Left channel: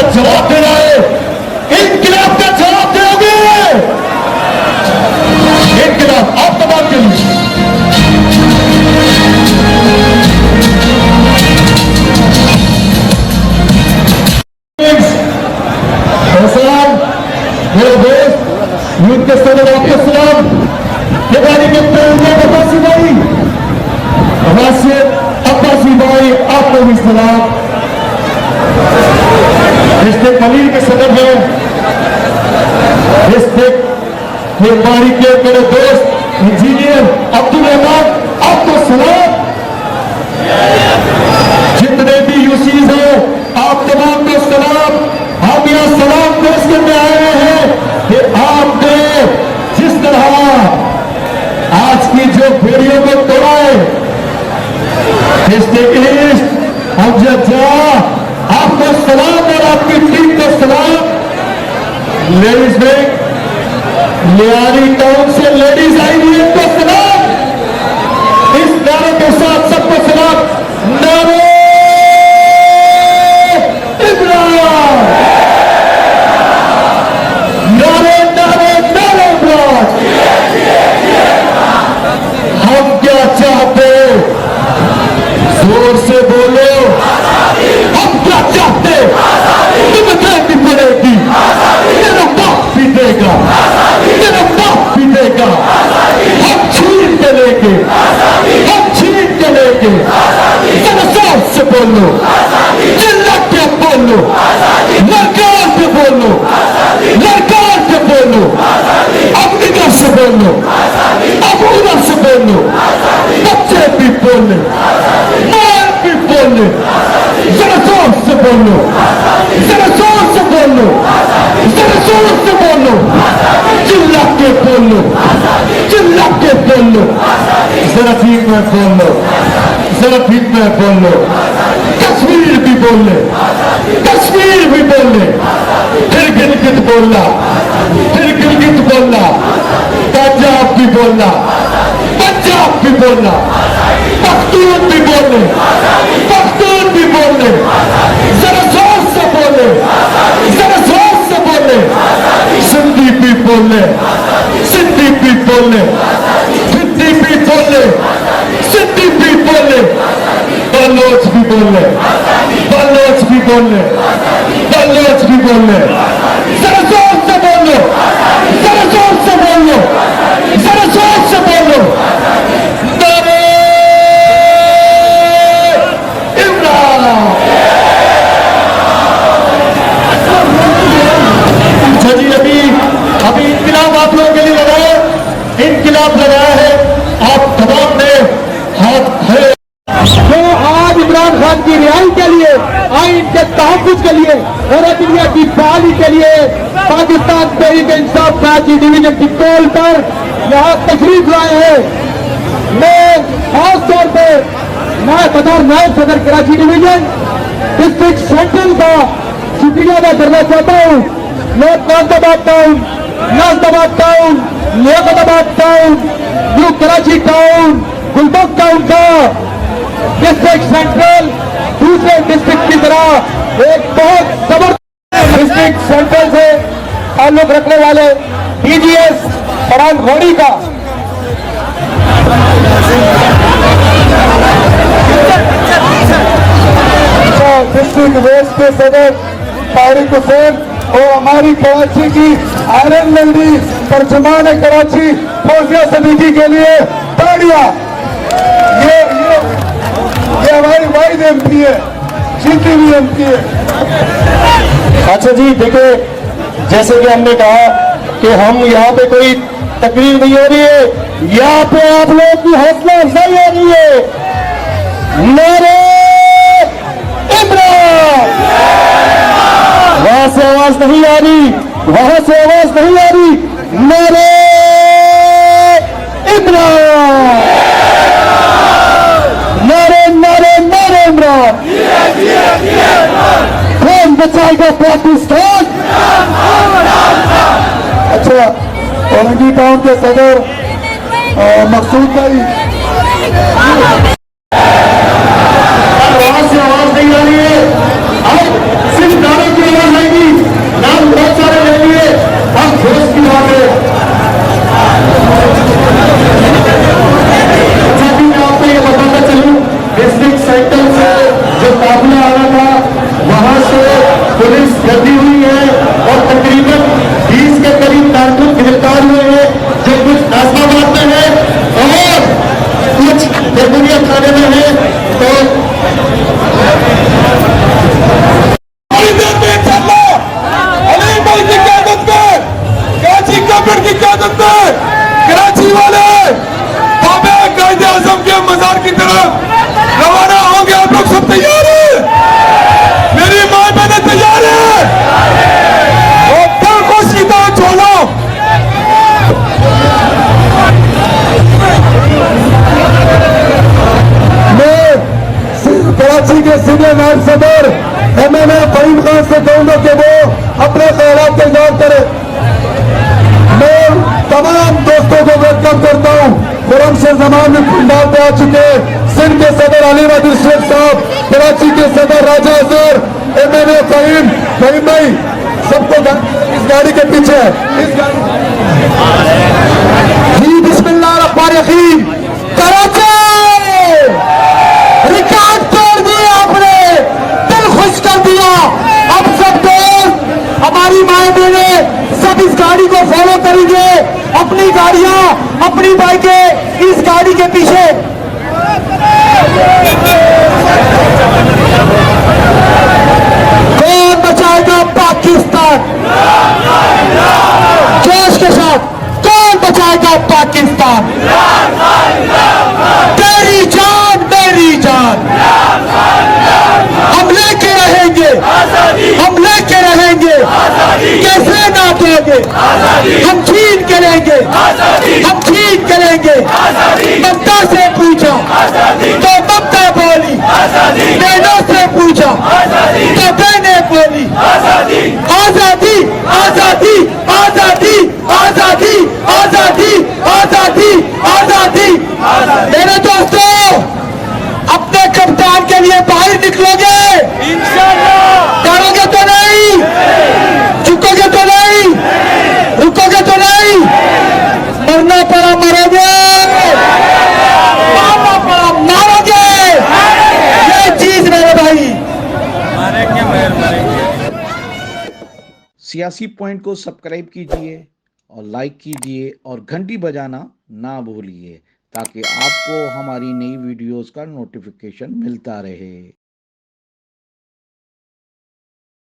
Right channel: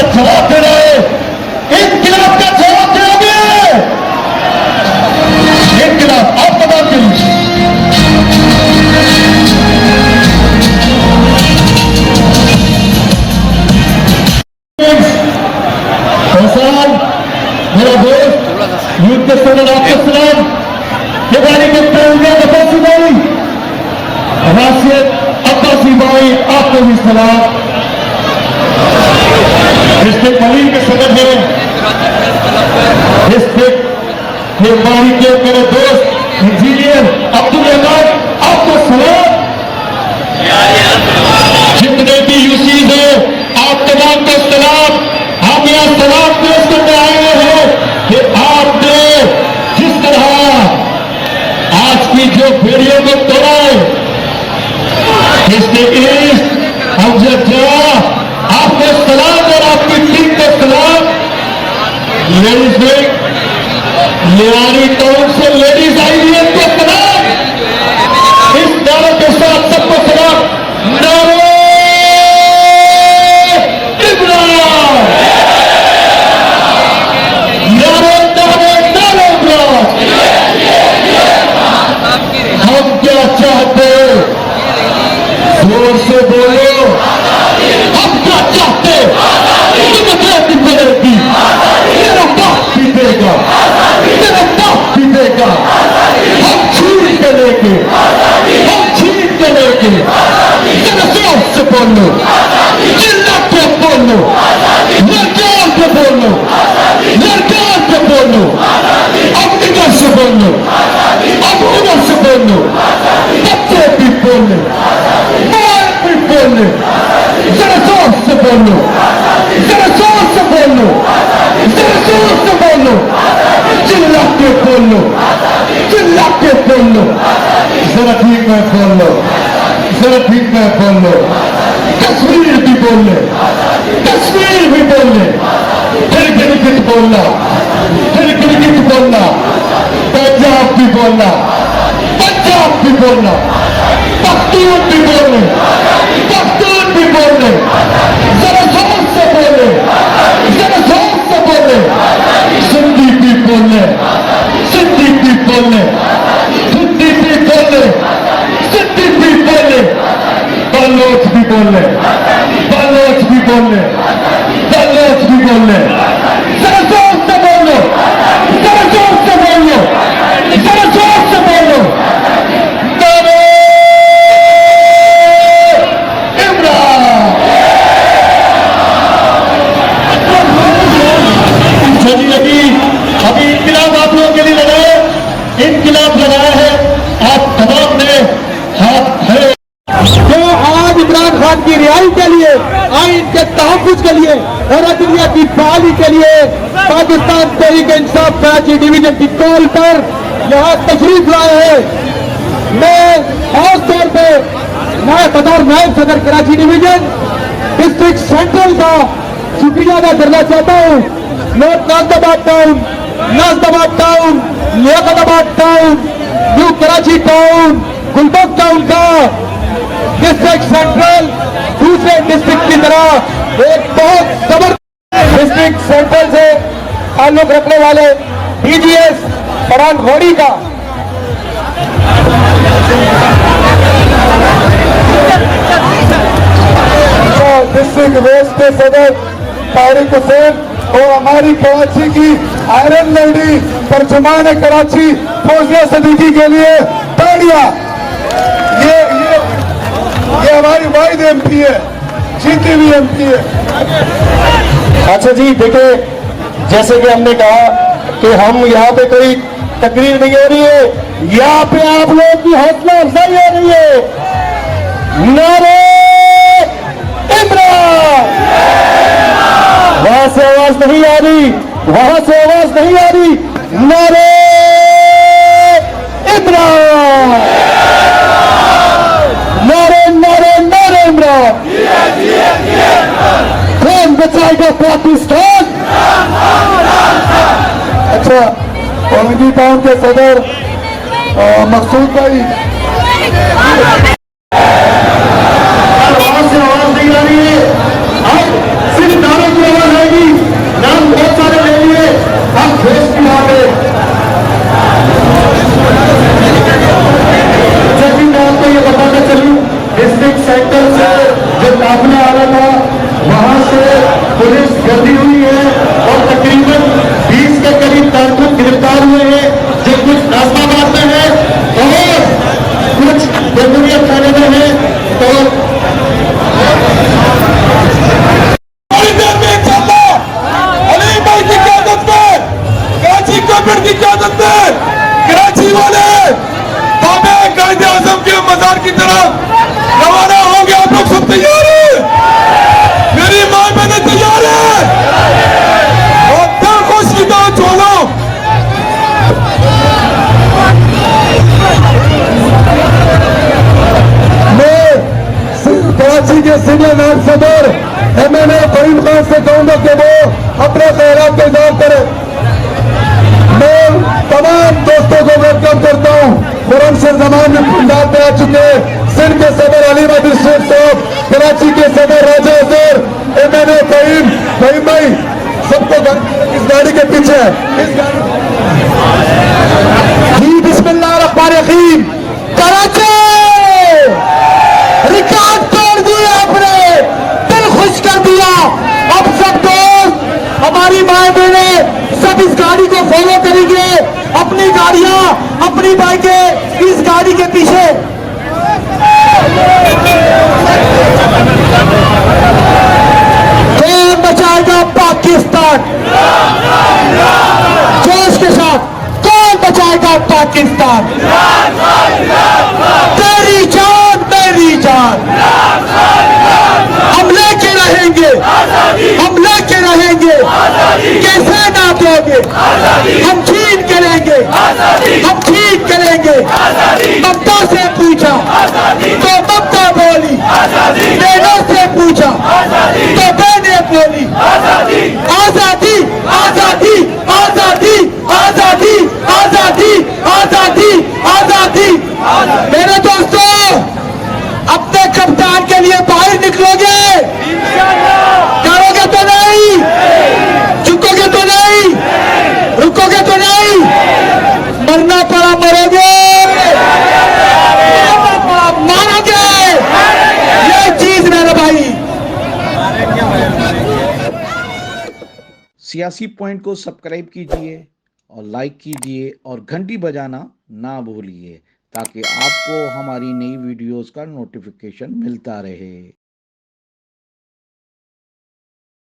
का जवाब दे रहे हैं, इनकलाब का जवाब दोगे। इनकलाब आप तमाम के लिए मेरा दोस्त यूथ के स्टूडेंट आपके सलाम के बारे में अब्बासी भाई, राशिद अब्बासी भाई आपको भी सलाम। डिस्ट्रिक्ट मलिक के सदर है, डिस्ट्रिक्ट के बारी के मेरे दोस्त इंजीनियर अब्दुल रहमान आपको सलाम। जितने भी यूसीज हो आप तमाम को सलाम। हम यह सलाम पेश करने आए हैं कि आपने जिस तरह आज की जो बेड़ियों को तोड़ा है, डिस्ट्रिक्ट ईस्ट अमजद आपको सलाम और आपकी टीम को सलाम। लेडीज विंग लियारी टाउन से लेडीज आई है तो सलाम। इस नारों के साथ सबको सलाम। नारे इमरान, नारे नारे नारे इमरान। हम क्या चाहते, जोर से बोलो, हम क्या चाहते? डेमोक्रेसी मिलेगी, मेरा बाप भी देगा, मेरा बाप भी देगा। हम छीन के लेके, हम छीन के लेके, जरा जोर से बोलो, चिल्ला के बोलो, लड़कार पे बोलो, लड़कार पे बोलो, अब इधर से बोलो, अब उधर से बोलो, बच्चे भी बोले, माँ भी बोले, जरा जोर से बोलो, जरा जोर से बोलो, जरा जोर से बोलो, चिल्ला के बोलो, चिल्ला के बोलो, जरा ठीक में बोलो, जरा ठीक में बोलो। कश्मीर भी बोले, कश्मीर भी बोले, फिर गिलगित बोलना, फिर गिलगित बोलना, पंजाब भी बोलना, पंजाब भी बोलना, पख्तून भी बोले, पख्तून भी बोले, जरा जोर से बोले, जरा जोर से बोले। सिंधी भी बोले, सिंधी भी बोले, सिंधी भी बोले, सिंधी भी बोले, बलोच भी बोले, बलोच भी बोले, बलोच भी बोले। जरा जोर से बोलो, जरा जोर से बोलो, जरा जोर से बोलो। नारे इमरान। जी अभी इनकलाब आप लोगों के लिए लगाए, इनकलाब लगाया है आप तमाम ने हाथ खड़े। आज इमरान खान की रिहाई के लिए, आइन के तहफ़्फ़ुज़ के लिए और दुनिया की बहाली के लिए पाकिस्तान तहरीक इंसाफ कराची डिवीजन की कॉल पर यहाँ तशरीफ लाए हैं। मैं खास तौर पर बतौर नायब सदर कराची डिवीजन डिस्ट्रिक्ट सेंट्रल का शुक्रिया अदा करना चाहता हूँ। मैं Nazimabad town, Nazimabad town, Liaquatabad town, new Karachi town, दिलबग टाउन का डिस्ट्रिक्ट सेंट्रल दूसरे डिस्ट्रिक्ट की तरह एक बहुत जबरदस्त डिस्ट्रिक्ट सेंट्रल से ताल्लुक रखने वाले डीजीएस फरहान घोड़ी का डिस्ट्रिक्ट वेस्ट के सदर तारिक हुसैन और हमारी कराची की आयरन लेडी तर्जुमान कराची फौजिया सदीकी के लिए ताड़ियां। ये हमारी वाहिद एमपी है, जीती हुई एमपी है। अच्छा जी देखिए, जैसे कि हमने कहा कि हम यहाँ पे कोई तकरीर नहीं हो रही है, यहाँ पे आप लोगों की हौसला अफजाई हो रही है। नारे इमरान। वहां से आवाज नहीं आ रही, वहां से आवाज नहीं आ रही। नारे इमरान, नारे नारे नारे इमरान। कौन बचाएगा पाकिस्तान? अच्छा, औरंगी टाउन के सदर मकसूद भाई, आवाज से आवाज नहीं आ रही है, सिर्फ नारे की आवाज कर दी हुई है और तकरीबन 20 के करीब कारकुन गिरफ्तार हुए हैं, जो कुछ नाजमाबाद में है और कुछ जमहूरियत थाने में है। तो अली भाई की क्यादत में, कराची गवर्नमेंट की क्यादत में कराची वाले बाबे कायदे आजम के मजार की तरफ रवाना होंगे। आप लोग सब तैयार हैं? मेरी माँ बहने तैयार है? और दिल खुश की तो छोड़ो। मैं कराची के सीनियर नायब सदर MNA फहीम खान से कहूंगा कि वो अपने ख्यालात का इजहार करें। मैं तमाम दोस्तों को वेलकम करता हूँ। खुर्रमशर जमान में पंडाल पे आ चुके, सिंध के सदर अली बहादुर शेख साहब, कराची के सदर राजा अजहर, MNA फहीम भाई सबको इस गाड़ी के पीछे है। इस गाड़ी जी बिस्मिल्लाह रहमान रहीम। कराची रिकॉर्ड तोड़ दिया आपने, दिल खुश कर दिया। अब सब दोस्त, हमारी माए बहने सब इस गाड़ी को फॉलो करेंगे, अपनी गाड़ियां, अपनी बाइकें इस गाड़ी के पीछे। कौन बचाएगा पाकिस्तान? जोश के साथ, कौन बचाएगा पाकिस्तान? तेरी जान मेरी जान, हम लेके रहेंगे, हम लेके रहेंगे, कैसे ना देंगे, हम छीन करेंगे, हम छीन करेंगे। ममता से पूछा तो ममता बोली, बहनों से पूछा तो बहनें बोली, आजादी आजादी आजादी आजादी आजादी आजादी आजादी आजादी। मेरे दोस्तों, अपने कप्तान के लिए बाहर निकलोगे? करोगे तो नहीं? झुकोगे तो नहीं? रुकोगे तो नहीं? मरना पड़ा मरोगे, मारना पड़ा मारोगे। ये चीज मेरे भाई। सियासी पॉइंट को सब्सक्राइब कीजिए और लाइक कीजिए और घंटी बजाना ना भूलिए, ताकि आपको हमारी नई वीडियोस का नोटिफिकेशन मिलता रहे।